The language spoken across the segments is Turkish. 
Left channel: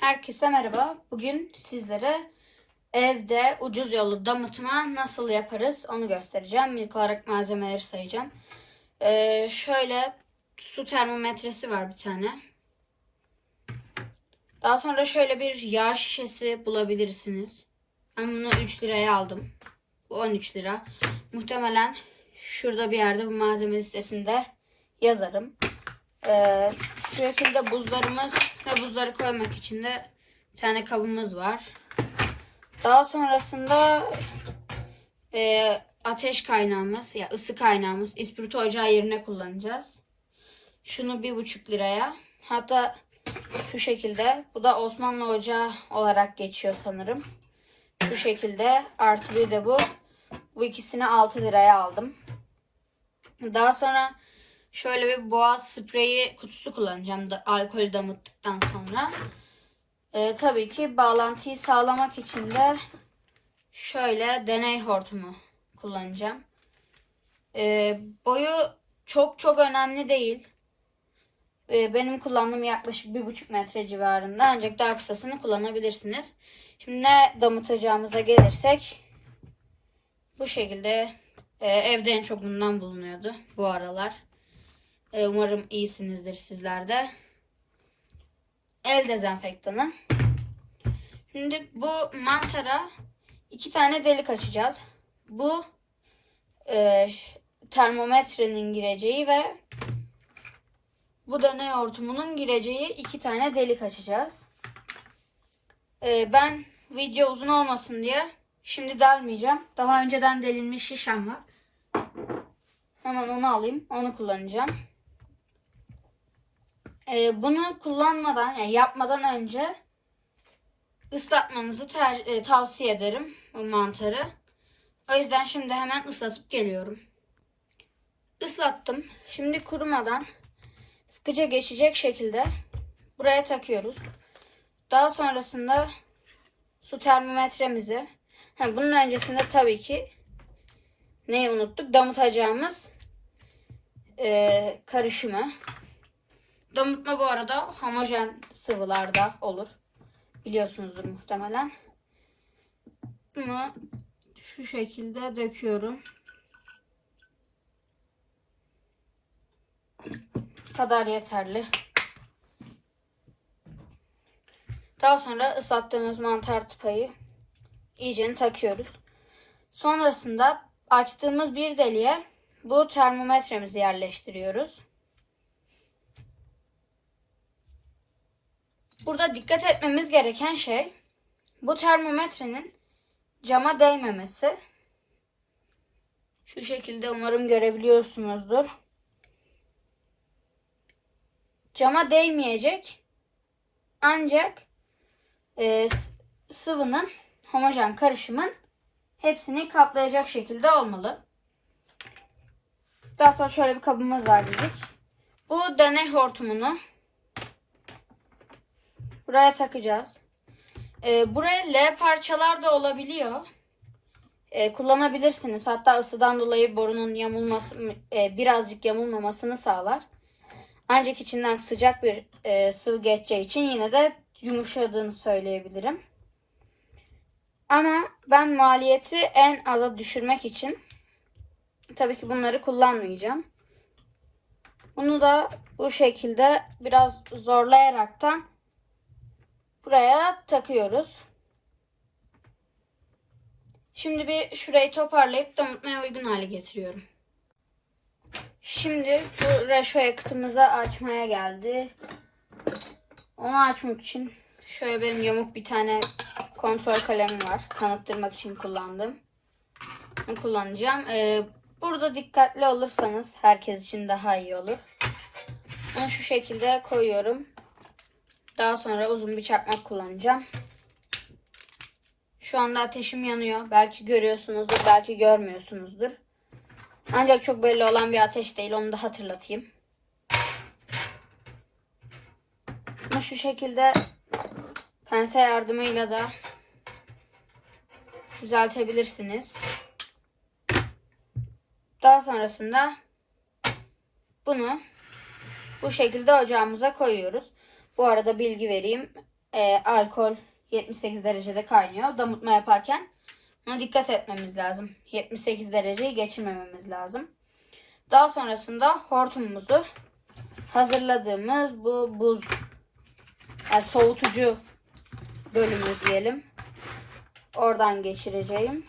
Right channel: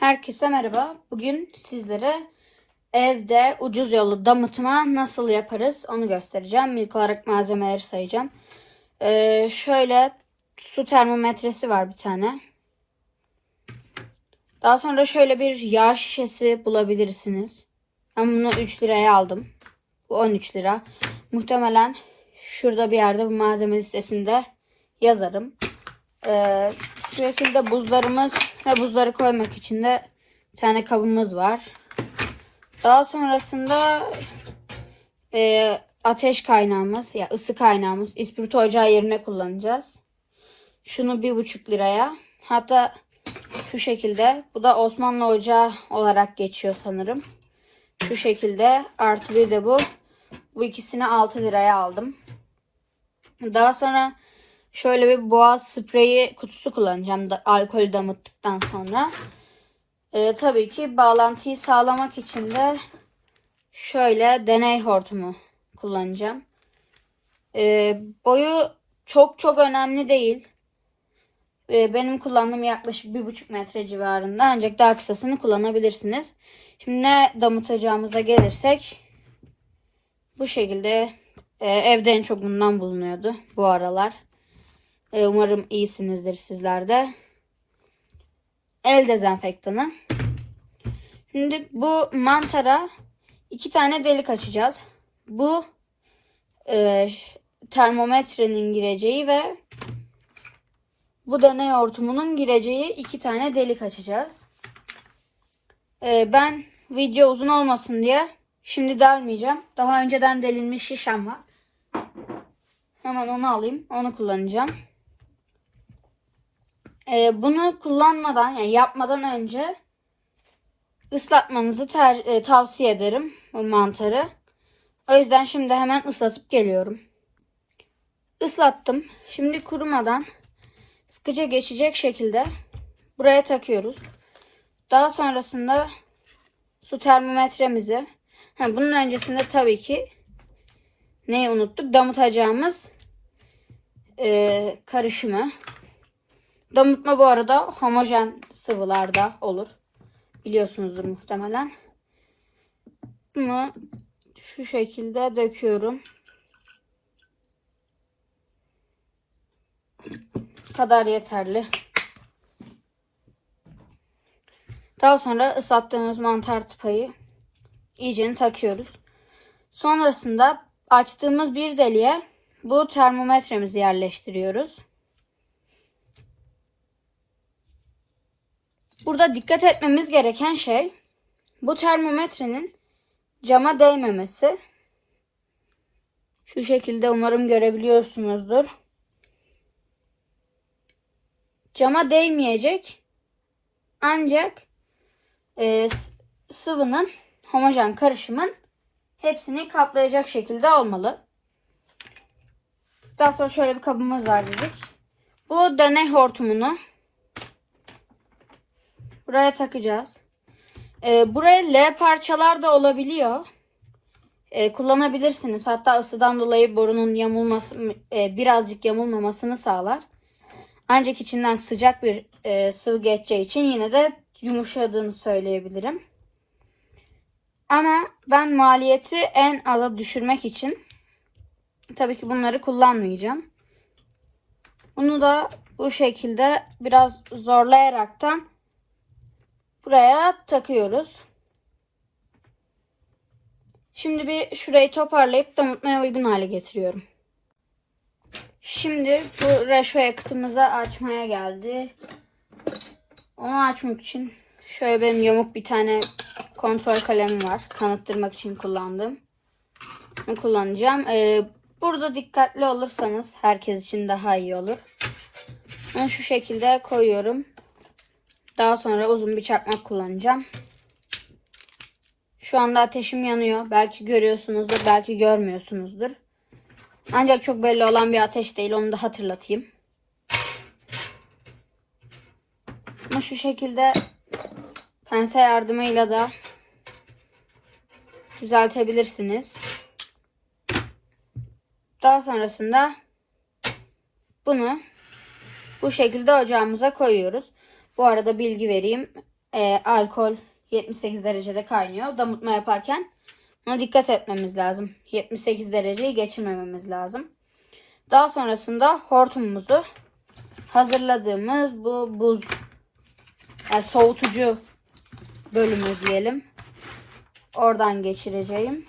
Herkese merhaba. Bugün sizlere evde ucuz yolu damıtma nasıl yaparız onu göstereceğim. İlk olarak malzemeleri sayacağım. Ee, şöyle su termometresi var bir tane. Daha sonra şöyle bir yağ şişesi bulabilirsiniz. Ben bunu 3 liraya aldım. Bu 13 lira. Muhtemelen şurada bir yerde bu malzeme listesinde yazarım. Ee, şu şekilde buzlarımız ve buzları koymak için de bir tane kabımız var. Daha sonrasında e, ateş kaynağımız ya ısı kaynağımız ispirto ocağı yerine kullanacağız. Şunu bir buçuk liraya. Hatta şu şekilde. Bu da Osmanlı ocağı olarak geçiyor sanırım. Şu şekilde. Artı bir de bu. Bu ikisini 6 liraya aldım. Daha sonra şöyle bir boğaz spreyi kutusu kullanacağım da alkolü damıttıktan sonra. Ee, tabii ki bağlantıyı sağlamak için de şöyle deney hortumu kullanacağım. Ee, boyu çok çok önemli değil. Ee, benim kullandığım yaklaşık bir buçuk metre civarında ancak daha kısasını kullanabilirsiniz. Şimdi ne damıtacağımıza gelirsek bu şekilde e, evde en çok bundan bulunuyordu bu aralar. E, umarım iyisinizdir sizler de. El dezenfektanı. Şimdi bu mantara iki tane delik açacağız. Bu e, termometrenin gireceği ve bu deney hortumunun gireceği iki tane delik açacağız. E, ben video uzun olmasın diye şimdi delmeyeceğim. Daha önceden delinmiş şişem var. Hemen onu alayım. Onu kullanacağım. Ee, bunu kullanmadan yani yapmadan önce ıslatmanızı ter- e, tavsiye ederim bu mantarı. O yüzden şimdi hemen ıslatıp geliyorum. Islattım. Şimdi kurumadan sıkıca geçecek şekilde buraya takıyoruz. Daha sonrasında su termometremizi ha, bunun öncesinde tabii ki neyi unuttuk? Damıtacağımız e, karışımı. Damıtma bu arada homojen sıvılarda olur. Biliyorsunuzdur muhtemelen. Bunu şu şekilde döküyorum. Kadar yeterli. Daha sonra ıslattığımız mantar tıpayı iyicene takıyoruz. Sonrasında açtığımız bir deliğe bu termometremizi yerleştiriyoruz. Burada dikkat etmemiz gereken şey bu termometrenin cama değmemesi. Şu şekilde umarım görebiliyorsunuzdur. Cama değmeyecek. Ancak e, sıvının homojen karışımın hepsini kaplayacak şekilde olmalı. Daha sonra şöyle bir kabımız var dedik. Bu deney hortumunu buraya takacağız. Ee, buraya L parçalar da olabiliyor. Ee, kullanabilirsiniz. Hatta ısıdan dolayı borunun yamulması, e, birazcık yamulmamasını sağlar. Ancak içinden sıcak bir e, sıvı geçeceği için yine de yumuşadığını söyleyebilirim. Ama ben maliyeti en aza düşürmek için tabii ki bunları kullanmayacağım. Bunu da bu şekilde biraz zorlayaraktan buraya takıyoruz. Şimdi bir şurayı toparlayıp damıtmaya uygun hale getiriyorum. Şimdi bu reşo yakıtımızı açmaya geldi. Onu açmak için şöyle benim yamuk bir tane kontrol kalemim var. Kanıttırmak için kullandım. Bunu kullanacağım. Ee, burada dikkatli olursanız herkes için daha iyi olur. Bunu şu şekilde koyuyorum. Daha sonra uzun bir çakmak kullanacağım. Şu anda ateşim yanıyor. Belki görüyorsunuzdur, belki görmüyorsunuzdur. Ancak çok belli olan bir ateş değil. Onu da hatırlatayım. Bunu şu şekilde pense yardımıyla da düzeltebilirsiniz. Daha sonrasında bunu bu şekilde ocağımıza koyuyoruz. Bu arada bilgi vereyim. e, alkol 78 derecede kaynıyor. Damıtma yaparken buna dikkat etmemiz lazım. 78 dereceyi geçirmememiz lazım. Daha sonrasında hortumumuzu hazırladığımız bu buz yani soğutucu bölümü diyelim. Oradan geçireceğim.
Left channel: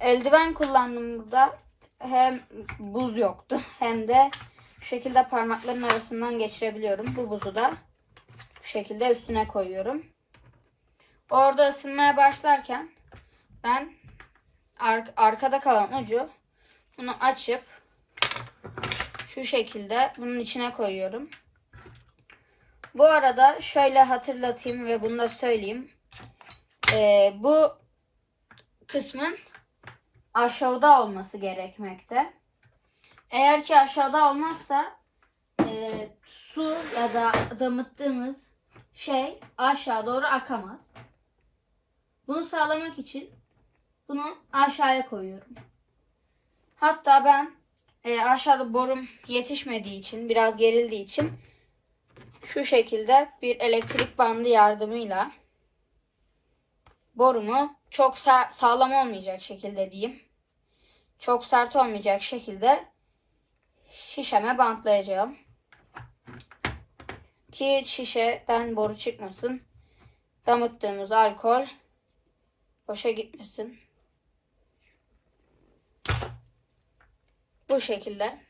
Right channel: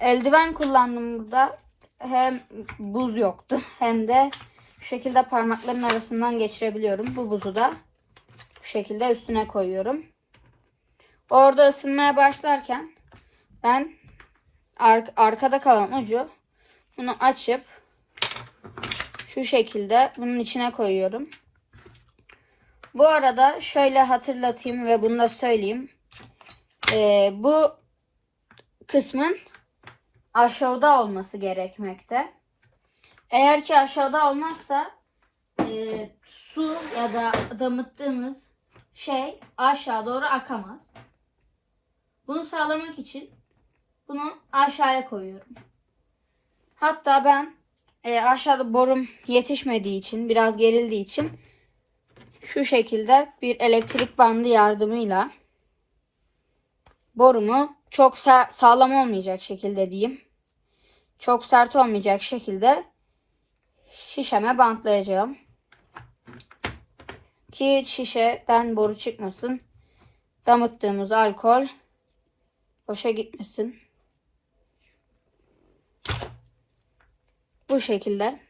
Eldiven kullandım burada. Hem buz yoktu hem de bu şekilde parmakların arasından geçirebiliyorum. Bu buzu da bu şekilde üstüne koyuyorum. Orada ısınmaya başlarken ben ar- arkada kalan ucu bunu açıp şu şekilde bunun içine koyuyorum. Bu arada şöyle hatırlatayım ve bunu da söyleyeyim. Ee, bu kısmın aşağıda olması gerekmekte. Eğer ki aşağıda olmazsa e, su ya da damıttığınız şey aşağı doğru akamaz. Bunu sağlamak için bunu aşağıya koyuyorum. Hatta ben e, aşağıda borum yetişmediği için, biraz gerildiği için şu şekilde bir elektrik bandı yardımıyla borumu çok sa- sağlam olmayacak şekilde diyeyim. Çok sert olmayacak şekilde şişeme bantlayacağım. Ki şişeden boru çıkmasın. Damıttığımız alkol boşa gitmesin. Bu şekilde.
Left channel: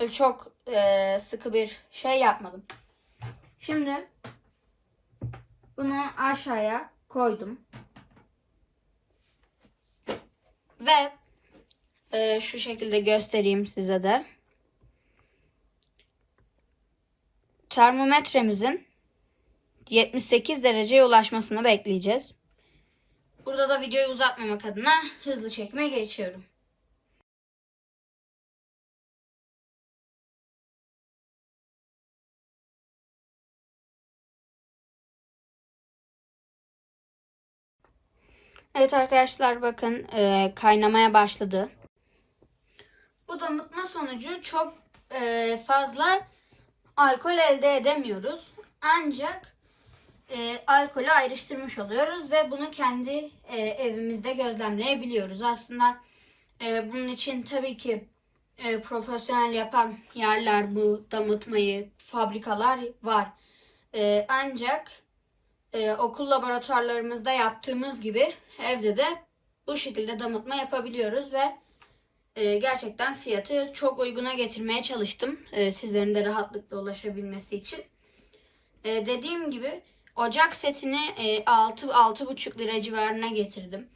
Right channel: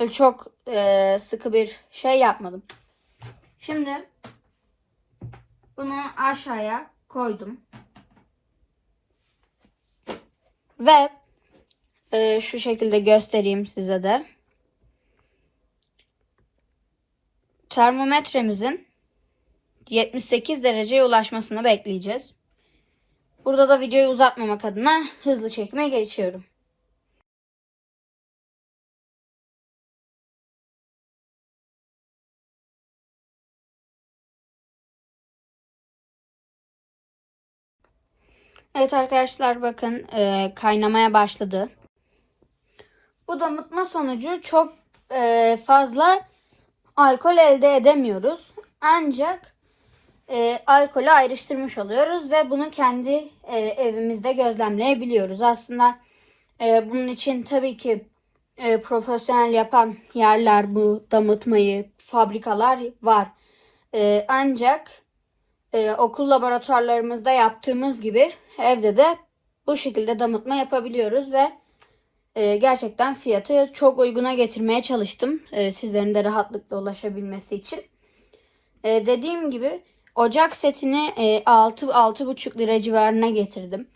Böyle Çok e, sıkı bir şey yapmadım. Şimdi bunu aşağıya koydum. Ve e, şu şekilde göstereyim size de. Termometremizin 78 dereceye ulaşmasını bekleyeceğiz. Burada da videoyu uzatmamak adına hızlı çekime geçiyorum. Evet arkadaşlar bakın e, kaynamaya başladı. Bu damıtma sonucu çok e, fazla alkol elde edemiyoruz. Ancak e, alkolü ayrıştırmış oluyoruz ve bunu kendi e, evimizde gözlemleyebiliyoruz. Aslında e, bunun için tabii ki e, profesyonel yapan yerler bu damıtmayı, fabrikalar var. E, ancak e, okul laboratuvarlarımızda yaptığımız gibi evde de bu şekilde damıtma yapabiliyoruz ve e, gerçekten fiyatı çok uyguna getirmeye çalıştım. E, sizlerin de rahatlıkla ulaşabilmesi için. E, dediğim gibi ocak setini e, 6-6,5 lira civarına getirdim.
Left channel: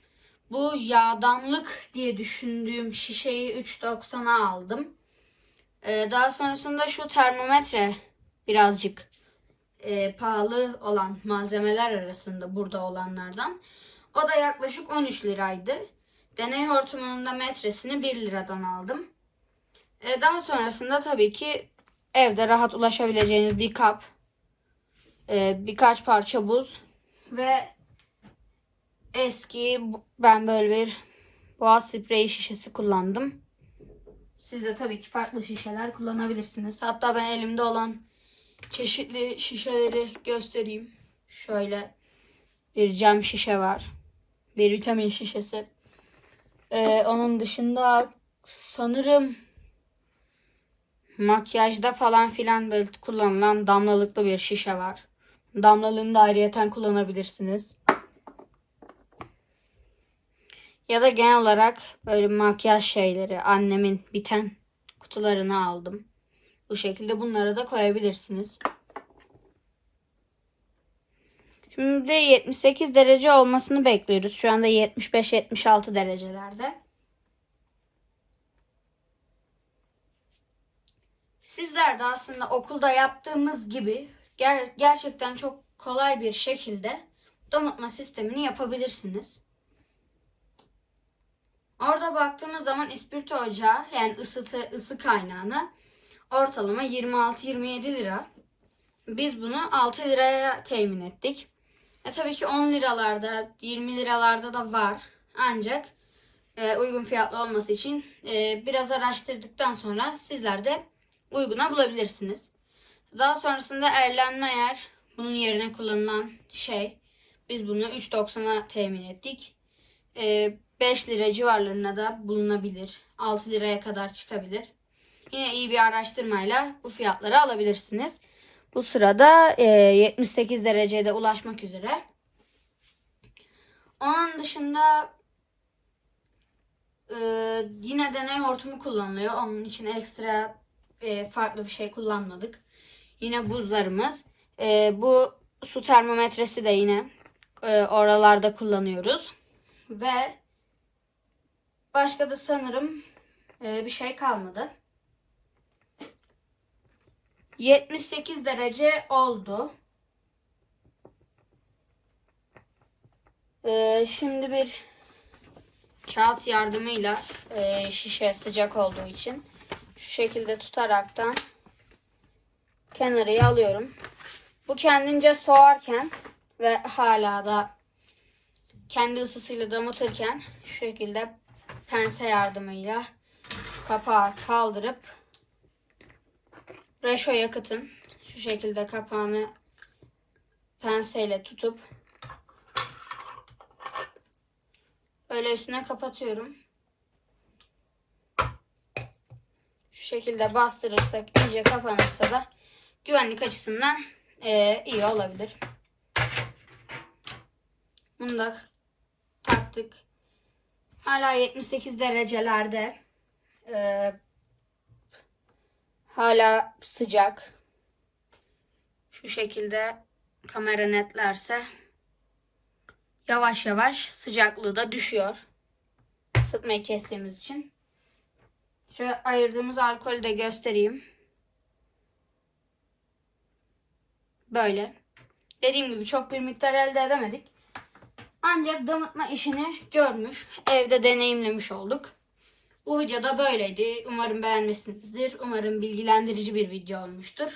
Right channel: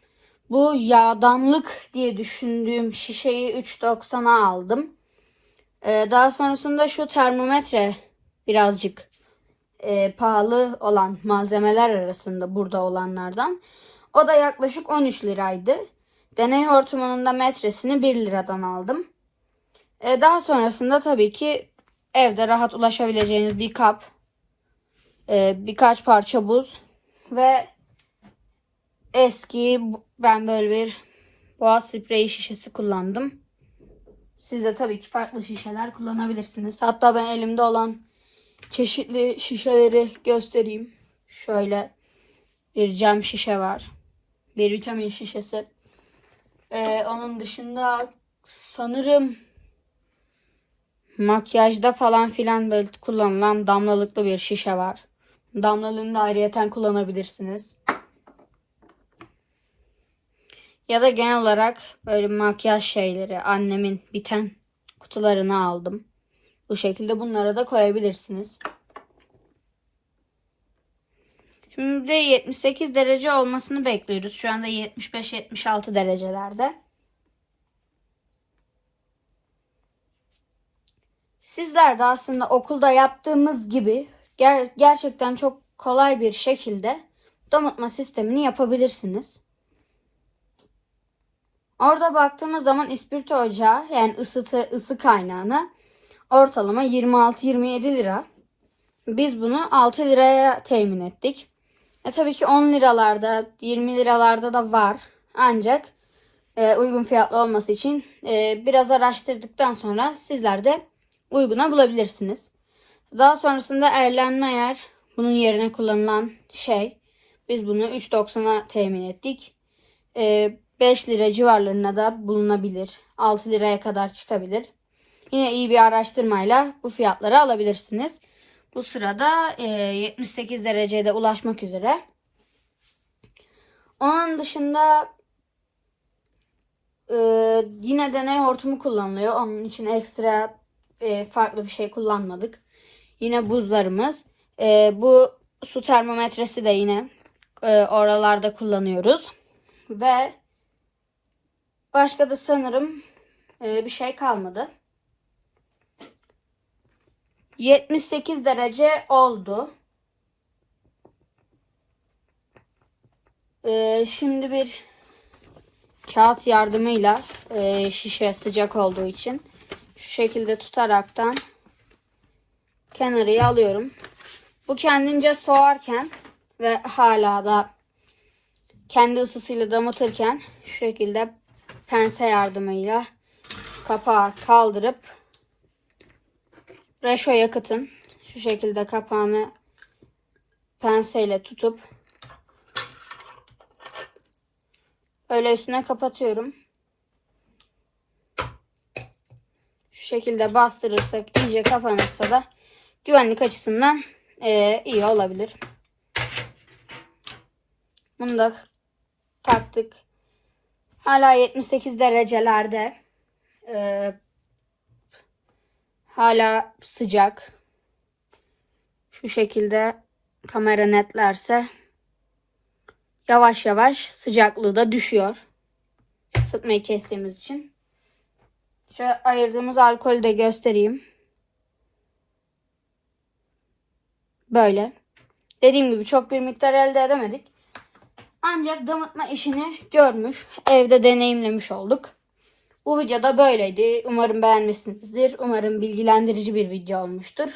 Bu yağdanlık diye düşündüğüm şişeyi 3.90'a aldım. E, daha sonrasında şu termometre birazcık e, pahalı olan malzemeler arasında burada olanlardan. O da yaklaşık 13 liraydı. Deney hortumunun da metresini 1 liradan aldım. E, daha sonrasında tabii ki evde rahat ulaşabileceğiniz bir kap, e, birkaç parça buz ve eski ben böyle bir boğaz spreyi şişesi kullandım. Siz de tabii ki farklı şişeler kullanabilirsiniz. Hatta ben elimde olan çeşitli şişeleri göstereyim. Şöyle bir cam şişe var. Bir vitamin şişesi. Ee, onun dışında sanırım makyajda falan filan böyle kullanılan damlalıklı bir şişe var. Damlalığını da ayrıyeten kullanabilirsiniz. Ya da genel olarak böyle makyaj şeyleri annemin biten kutularını aldım. Bu şekilde bunlara da koyabilirsiniz. Şimdi 78 derece olmasını bekliyoruz. Şu anda 75-76 derecelerde. Sizler de aslında okulda yaptığımız gibi ger- gerçekten çok kolay bir şekilde damıtma sistemini yapabilirsiniz. Orada baktığımız zaman ispirto ocağı yani ısıtı, ısı kaynağını ortalama 26-27 lira. Biz bunu 6 liraya temin ettik. E tabii ki 10 liralarda, 20 liralarda da var. Ancak e, uygun fiyatlı olması için e, biraz araştırdıktan sonra sizler de uyguna bulabilirsiniz. Daha sonrasında erlenme eğer bunun yerine kullanılan şey. Biz bunu 3.90'a temin ettik. Ee, 5 lira civarlarında da bulunabilir. 6 liraya kadar çıkabilir. Yine iyi bir araştırmayla bu fiyatları alabilirsiniz. Bu sırada e, 78 derecede ulaşmak üzere. Onun dışında e, yine deney hortumu kullanılıyor. Onun için ekstra e, farklı bir şey kullanmadık. Yine buzlarımız. Bu su termometresi de yine oralarda kullanıyoruz. Ve başka da sanırım bir şey kalmadı. 78 derece oldu. Ee, şimdi bir kağıt yardımıyla e, şişe sıcak olduğu için şu şekilde tutaraktan kenarıya alıyorum. Bu kendince soğarken ve hala da kendi ısısıyla damıtırken şu şekilde pense yardımıyla kapağı kaldırıp reşo yakıtın şu şekilde kapağını penseyle tutup öyle üstüne kapatıyorum. Şu şekilde bastırırsak iyice kapanırsa da güvenlik açısından eee, iyi olabilir. Bunu da taktık. Hala 78 derecelerde. Eee hala sıcak. Şu şekilde kamera netlerse yavaş yavaş sıcaklığı da düşüyor. Isıtmayı kestiğimiz için. Şöyle ayırdığımız alkolü de göstereyim. Böyle. Dediğim gibi çok bir miktar elde edemedik. Ancak damıtma işini görmüş, evde deneyimlemiş olduk. Bu videoda böyleydi. Umarım beğenmişsinizdir. Umarım bilgilendirici bir video olmuştur.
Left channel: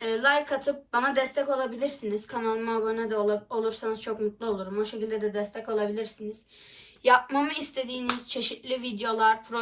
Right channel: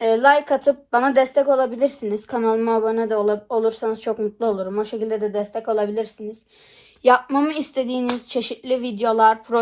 E, like atıp bana destek olabilirsiniz. Kanalıma abone de ol- olursanız çok mutlu olurum. O şekilde de destek olabilirsiniz. Yapmamı istediğiniz çeşitli videolar,